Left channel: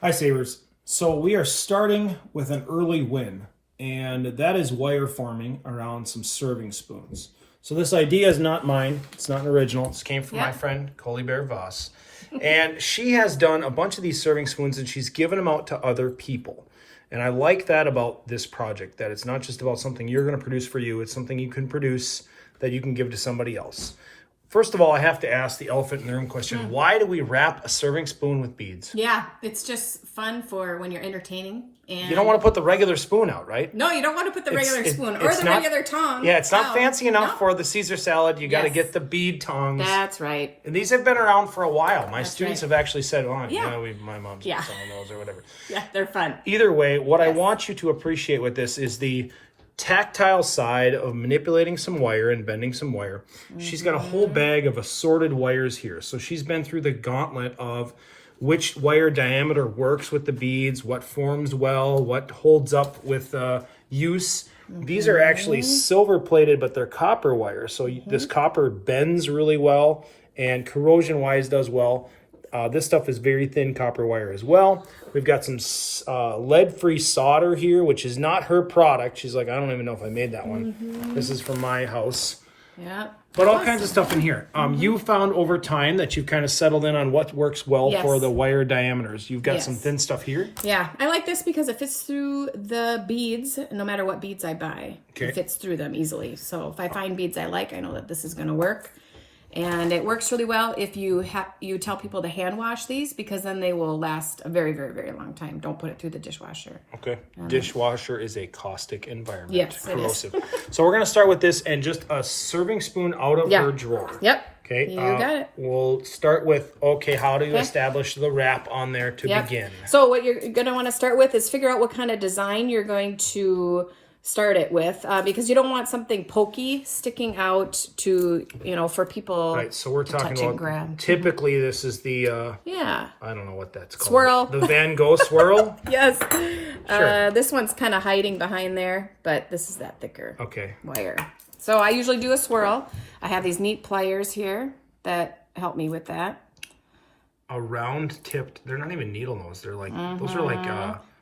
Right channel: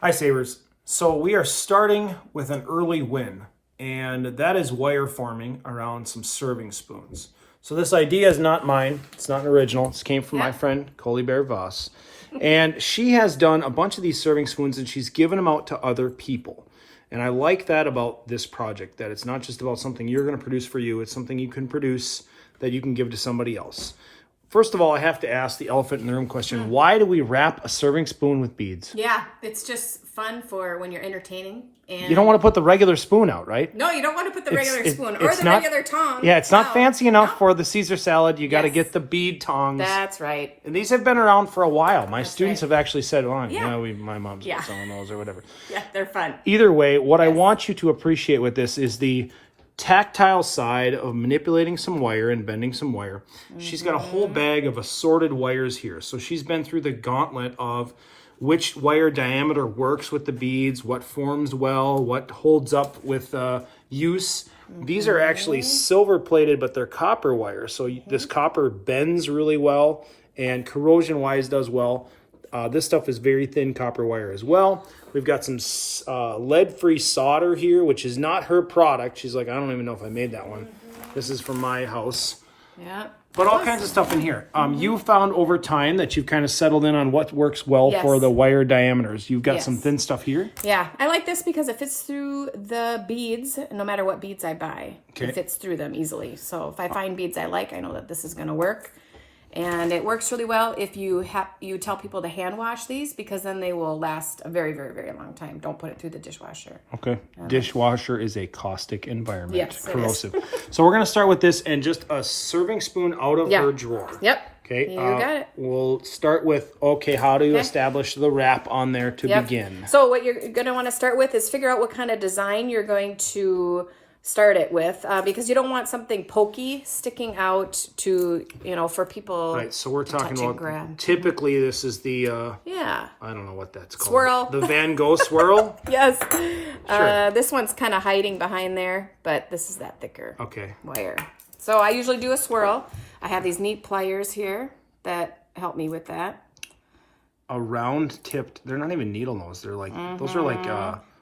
Hi, Savers. So we are starting with an early win, and that is wire forming around some serving spoons. So this idea is not mine. It's not an original. This came from my friend, Coley Bear Voss. And she has done a bunch of these serving spoons, and she's given them out to other people. And I like that about this project, that it's not just about something you're going to produce for you. It's something you can produce that you can give to somebody else. First of all, I have to ask the elephant in the room question. Why do we wrap a serving spoon with beads? Yeah, it's just fun for when you're entertaining. And You don't want to put the regular spoon out, right? No, you don't want to put the regular spoon or it's the not- regular tongue. Yeah, it's not out. fancy enough No. for the Caesar salad. You got to Yes. get the bead tongs. That's right. And these have been around for a while. My students right. have actually said, well, Yeah. my mom's Yeah. selling those or whatever. Yeah, they're fun. Either way, what I Yes. want you to appreciate with this is the tactile side of manipulating some wire and bending some wire. She's got a whole bag of assorted wires here. So she's been through the gauntlet of which wire diameter works with the beads, what forms well, what holds up with use. These are actually silver plated, but they're copper wire. So this copper bends really well and corrosion wise does well. This stuff is very thin copper wire as well. We've got some lead-free solder here, which is not her product. She's like, I don't even know if I made that one. This is from my house. Yeah. But all kinds of stuff in here. You found over time that you've kind of settled in on what works well Yes. for the wire diameters. You've got Yes. some thin stuff here. Yeah, I like this because it fits through the beads, no matter what beads I buy. Okay. It fits through them easily. So if I find beads I like, I know that this is going to work. And it works really well if you tell people to hand wash these, because then they will last a very, very, very long time. Don't put it through the dishwasher. Okay. Dishwasher is a caustic environment. Yes, it is. So we're going to start with this and just a serving spoon out of her drawer. Yep. Okay. You got it. We'll start with, how do you establish the wrap on there to begin? So what you're going to want to start with is figure out what kind of design you're going to start it with, because you don't want something pokey sticking out to, for people Right, so we're to talking touch and about, grab. typically this is the, Yeah. I don't know what that's called. Swirl. The Van Gogh swirl? Yes. Sure. This one's kind of hiding behind there, but this is that thicker Okay. wire. So I usually do a swirl. I have these neat pliers here that help me with that. A round tipped, they're not even needle nose, they're like, those are like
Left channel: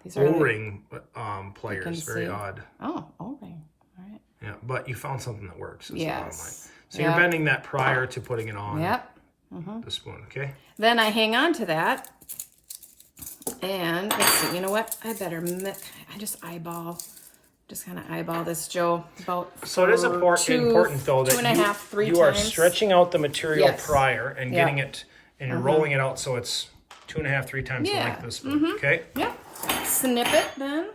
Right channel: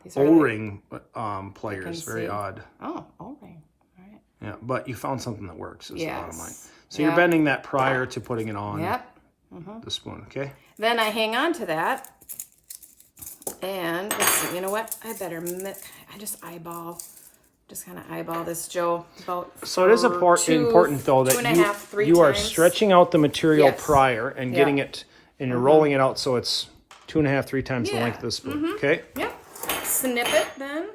These are O-ring pliers, very see. odd. Oh, okay. All right. Yeah, but you found something that works. Is the bottom line. Yes. So you're bending that prior to putting it on Yep. the spoon, okay? Then I hang on to that. And let's see, you know what? I just kind of eyeball this, Joe. So it is important though that 2.5, 3 you are times. stretching out the material Yes. prior and getting it and rolling it out so it's 2.5, 3 times the length of the spoon, okay? Yep. Snip it then.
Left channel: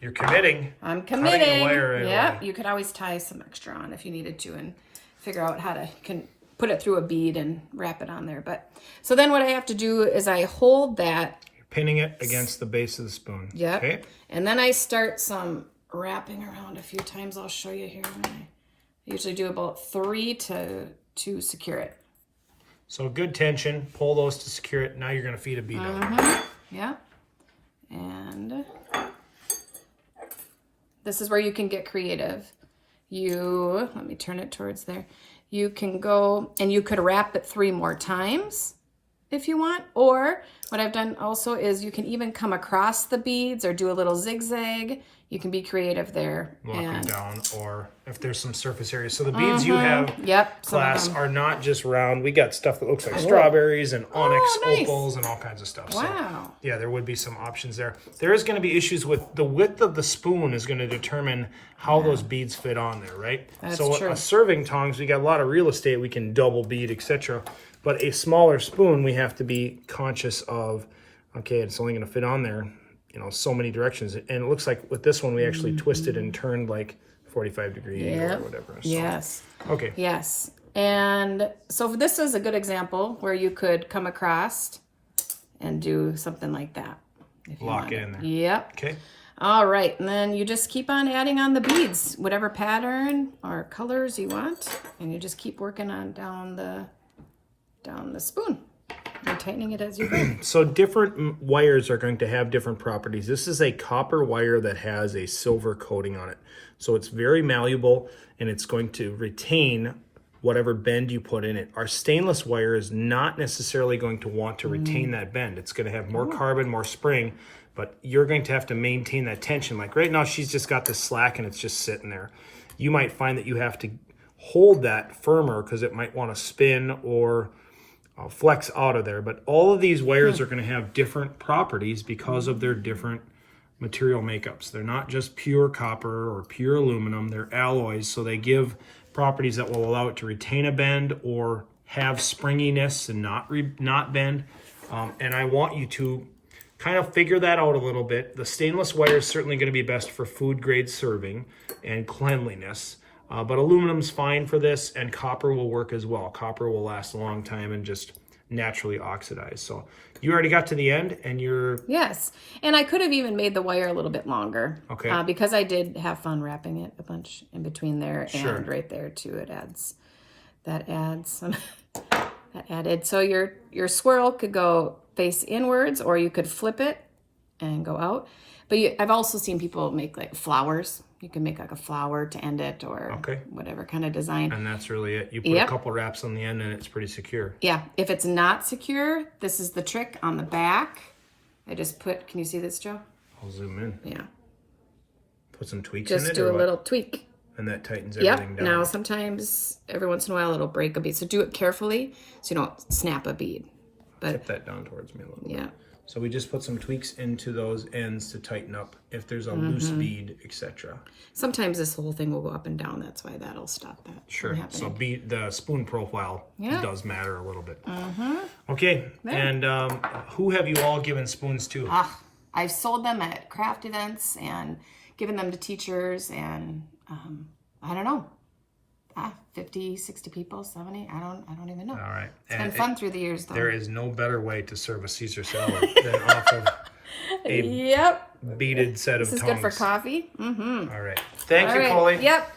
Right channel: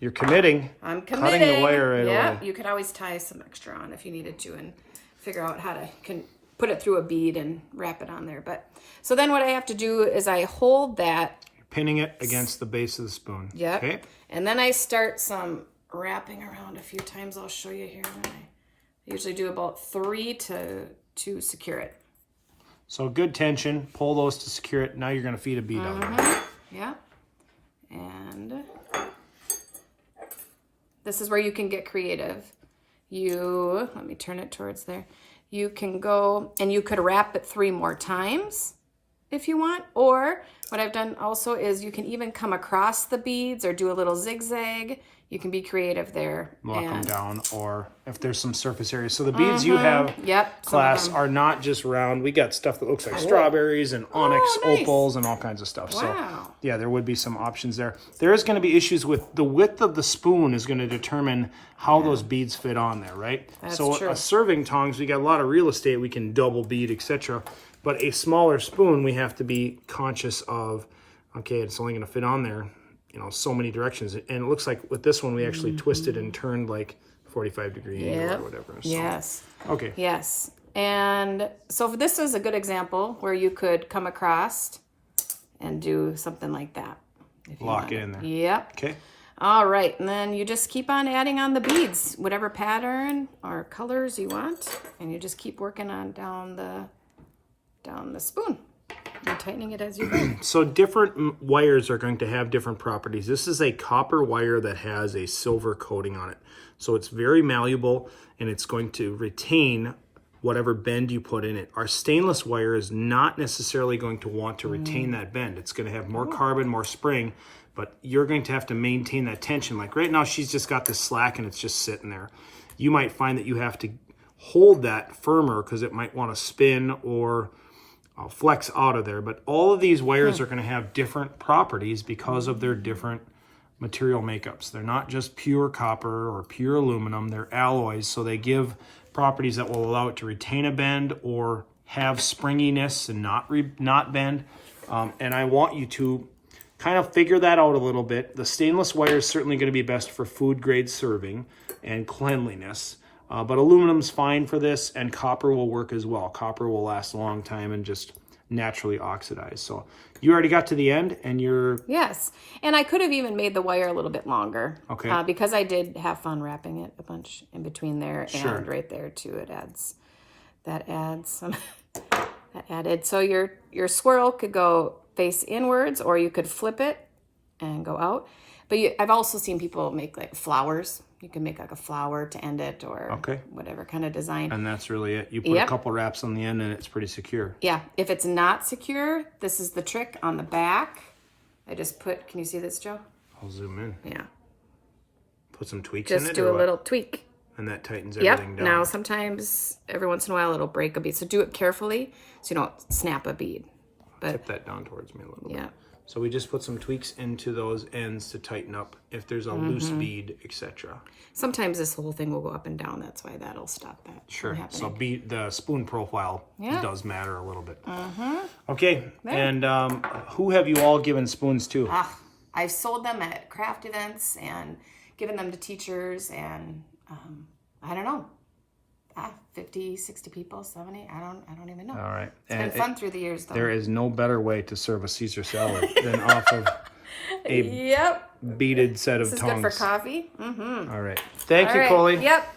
You're committing. I'm Cutting the committing. wire right Yeah, away. you could always tie some extra on if you needed to and figure out how to put it through a bead and wrap it on there. But so then what I have to do is I hold that. You're pinning it against the base of the spoon. Yep. Okay. And then I start some wrapping around a few times. I'll show you here. I usually do about 3 to secure it. So good tension. Pull those to secure it. Now you're going to feed a bead on. Yeah. And this is where you can get creative. Let me turn it towards there. You can go and you could wrap it 3 more times if you want. Or what I've done also is you can even come across the beads or do a little zigzag. You can be creative there. Lock them down, or if there's some surface area. So the beads you have, Yep. some of class, them. are not just round. We got stuff that looks like strawberries and onyx nice. opals and all kinds of stuff. Wow. So yeah, there would be some options there. There is going to be issues with the width of the spoon is going to determine how those beads fit on there, right? That's so true. a serving tongs, we got a lot of real estate. We can double bead, etc. But a smaller spoon, we have to be conscious of, okay, it's only going to fit on there, so many directions. And it looks like with this one, we actually twisted and turned like 45-degree angle or whatever. So, Yes. okay. Yes. And so this is a good example where you could come across and do something like that. if you Lock want it in there. Yep. Okay. All right. And then you just keep on adding on the beads, whatever pattern or colors you want. And you just keep working on down the spoon and tightening it as you go. So different wires are going to have different properties. This is a copper wire that has a silver coating on it. So it's very malleable and it's going to retain whatever bend you put in it. Our stainless wire is not necessarily going to want to retain that bend. It's going to have more carbon, more spring, but you're going to have to maintain that tension. Like right now, she's just got this slack and it's just sitting there. You might find that you have to hold that firmer because it might want to spin or flex out of there. But all of these wires are going to have different properties because of their different material makeups. They're not just pure copper or pure aluminum, they're alloys, so they give properties that will allow it to retain a bend or have springiness and not bend. And I want you to kind of figure that out a little bit. The stainless wire is certainly going to be best for food grade serving and cleanliness, but aluminum's fine for this, and copper will work as well. Copper will last a long time and just naturally oxidize. So you already got to the end and you're... Yes. And I could have even made the wire a little bit longer. Okay. Because I did have fun wrapping it a bunch in between there Sure. and right there too. That added. So your swirl could go face inwards, or you could flip it and go out. But I've also seen people make like flowers. You can make like a flower to end it, or whatever kind of design. And that's really it. You put a couple wraps on the end and it's pretty secure. Yeah. If it's not secure, this is the trick on the back. I just put, can you see this, Joe? I'll zoom in. Yeah. Put some tweaks in it. Just do a little tweak. And that tightens everything down. Now sometimes, every once in a while, it'll break a bead. So do it carefully so you don't snap a bead. But Tip that down towards me a little bit. So we just put some tweaks into those ends to tighten up if there's a loose bead, etc. Sometimes this whole thing will go up and down. That's why that'll stop that. Sure. From So the spoon profile does matter a little bit. Okay. And who have you all given spoons to? I've sold them at craft events and given them to teachers, and I don't know, 50, 60 people, 70. I don't even know. All right. It's been fun through the years, though. There is no better way to serve a Caesar salad than off of a beaded set of tongs. This is good for coffee. All right. Thank you, Colleen. Yep.